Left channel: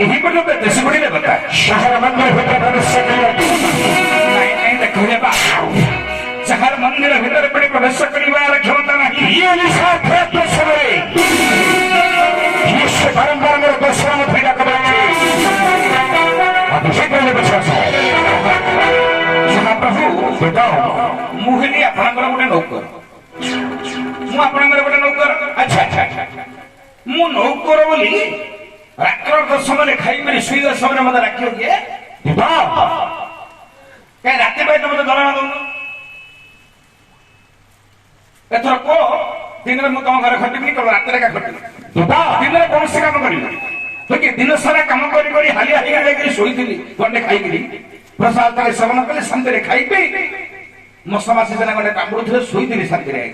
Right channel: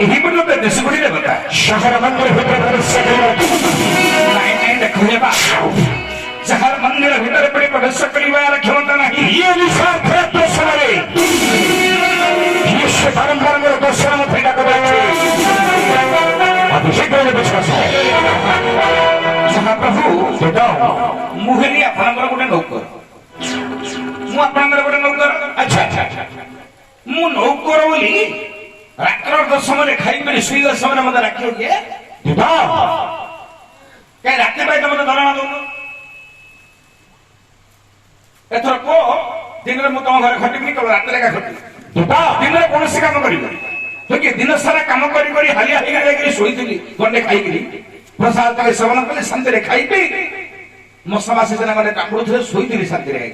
यही पर तो देश गुड़ी ने बता शहर मंदिर भीतर प्रवेश करिबार नहीं देखो बा शहर मंदिर भीतर पड़ी प्रवेश करिबार क्षमता नहीं ये निशान थे समय ये परंपरा में दर्शन फेटा करे अभिषेक ने बचा महाप्रभु बताओ मुहली आपनकर गोटे नौकर मु आपनकर गोटे नौकर अच्छा अच्छा अच्छा मु नौकर बोली रात्र दशमने खाई मेरे सुईदा समय मत राखियो के बताओ कहीं रात पाई तुम दरणा दौन एथर को दिन में तुम घर खटिबनी केवल रात का खटिबनी बताओ दिन में कौन से काम करिबनी तो दिन सारा काम करी हालिया हालिया जाकरी सोईथिली गंडे खाइकरी प्रसाद का सेवन कले शांति रे खाई पी मसमासी जना गंडे काकुड़ थे सोईथिली शांति रे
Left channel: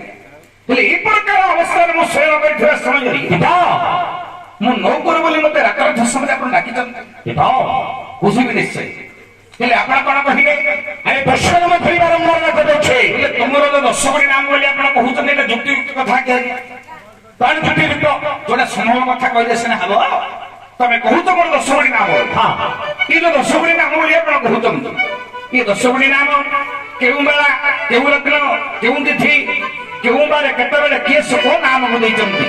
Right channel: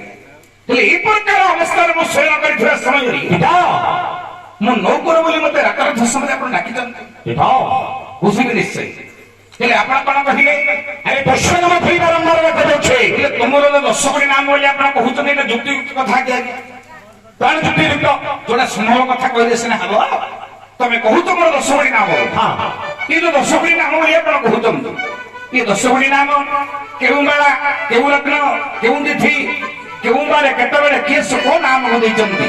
तले ए प्रकार अवस्था रे मु शयन करिथरा समय रे बताओ मु नौकर बोली मते राकर धसमते आपण डाकी चंद बताओ बुझिबे निश्चय तले आपण कोन कहिले अरे दर्शन में फिर बारंबार रखते छे ये तुमरो तो 10 कोटी नाम बोली आपण कहउछन एटा जुक्ति युक्त कथा के कौन जुटी युक्त जोड़ा संभव कथा कहले सिना हबो तमे कहू तो मोर 10 कोटी नाम हां ये तो 10 कोटी नाम बोली आपण कहउछन ये 10 कोटी नाम केउ माला केउ रत्न केउ तिथि केउ बारे केता बेले केस को नाम हो दैचंती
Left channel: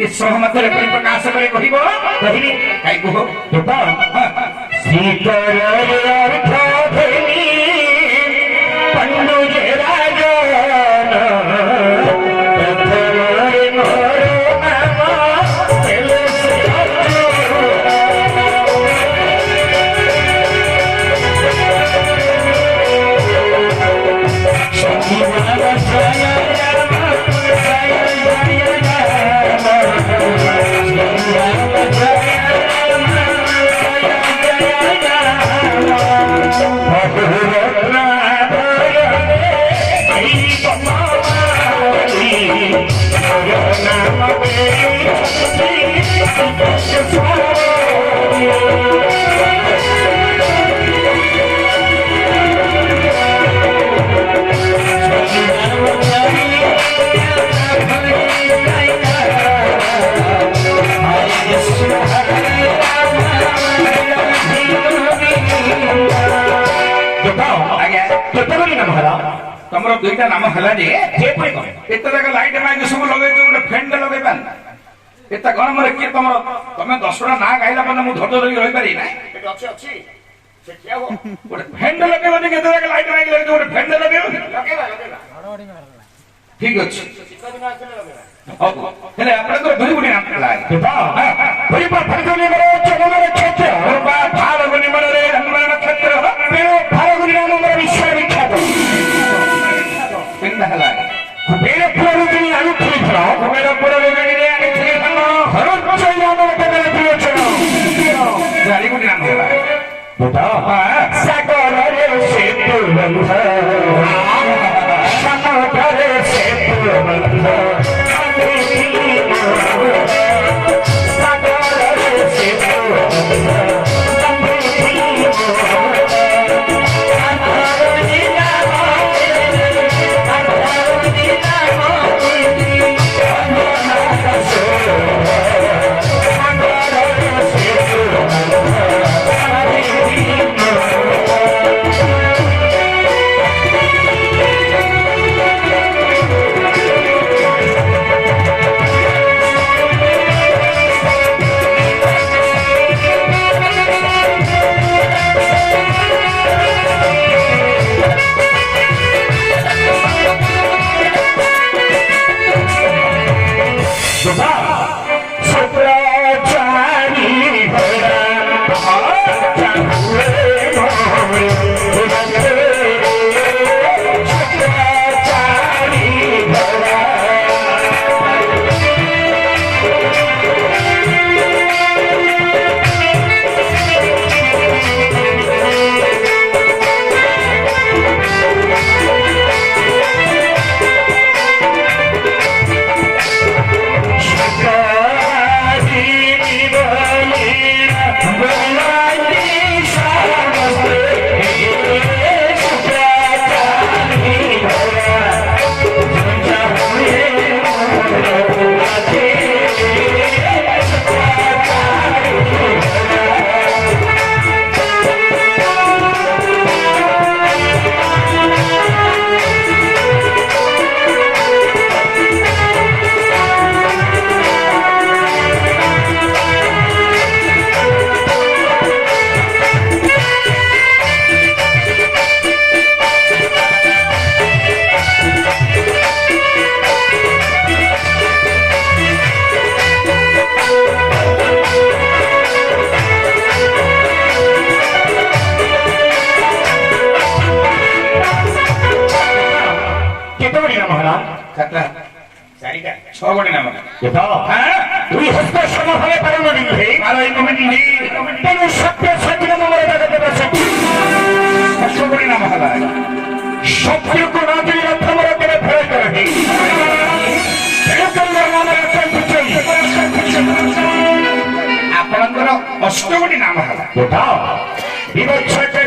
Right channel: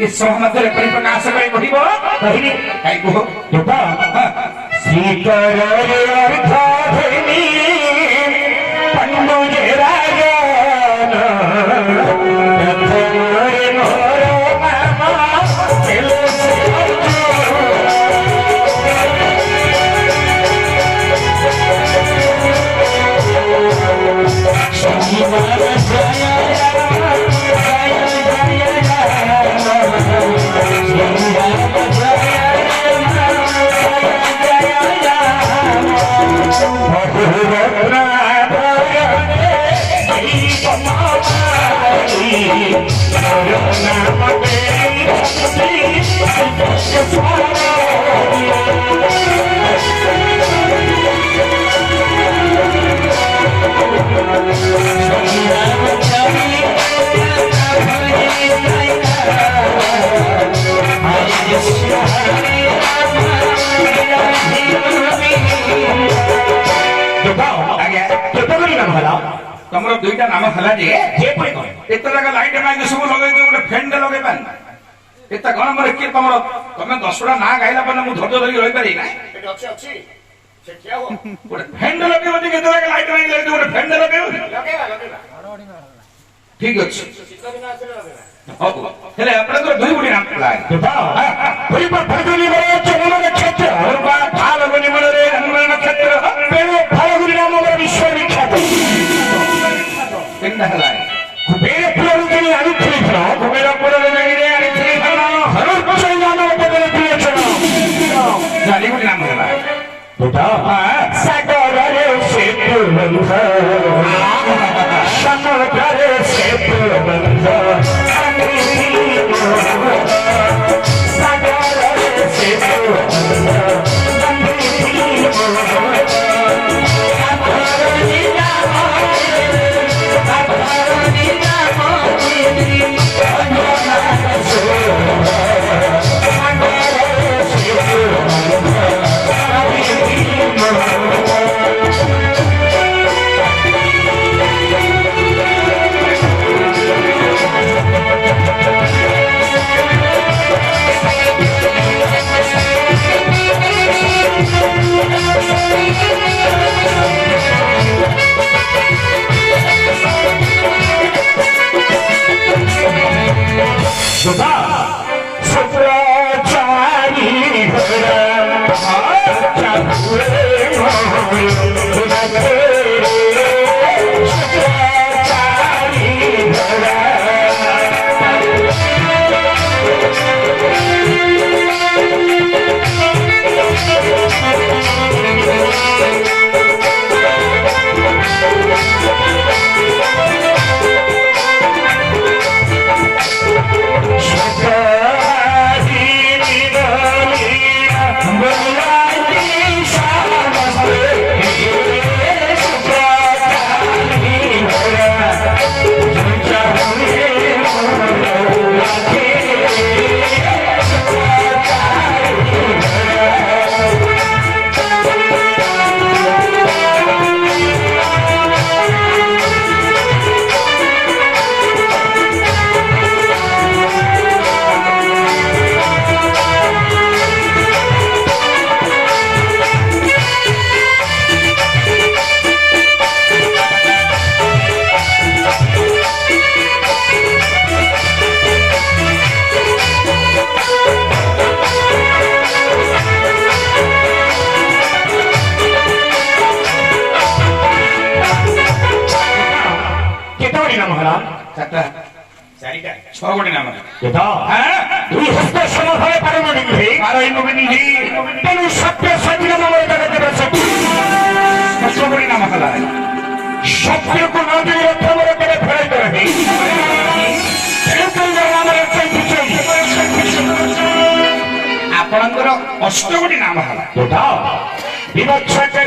ये सहमत रे परिप्रकाश करे कहिबो कहिनी काई को बताओ श्रीकर अर्थ धनी पंडु जे राजा तमरो दुईटा नाम हला जे जे पय को एत तक लाइट माइक सब लगे जो गोटे फैन लगे पान एत गण मोर के तमरो तमे 10टा ना गाइला पने मु धोजो धरि रहि पारि ना एट अछि से क्या हो गोटे फैन लगे बने के तक लाइट माइक लगे गोटे फैन लगे लगेगा ठीक अछि चित्त दिन आसे लगेगा हो हेले आपण को दुई गुडी नाम लाग बताओ कोई पर फलगुनी मरे चमन नक्षत्र और बा फाल्गुनी मन रे रंगमन नक्षत्र पे फलगुनी नाम में विश्व विख्यात किंदा हला कुबेर फलगुनी आलू थी था कुबेर फलगुनी रे आली थी था हर पछे जानो तबे प्रिय चलो गाली गुडी नाम हला बताओ सागर रे सेतु बंध समुद्र रे सेतु बंध ଅଗଣି ନାମ ଯଥା ଦୁଇ ହସ୍ତ ସମଫଳ ପାରମଣି ନୁହେଁ ତେଣୁ ସତ୍ୟ ସତ୍ୟ ନାମରେ ଜଗତର ସତ୍ୟ ଅଗଣି ନାମ ହେଲା ସତ୍ୟକୁ ନ ଦେଇ ରଥମର କେବେ ଫେରାଇ କରେ ନାମରେ ଆପଣଙ୍କର ଅଷ୍ଟଗୋଟି ନାମ ହେଲା ଯଥା ବିଭତ୍ସ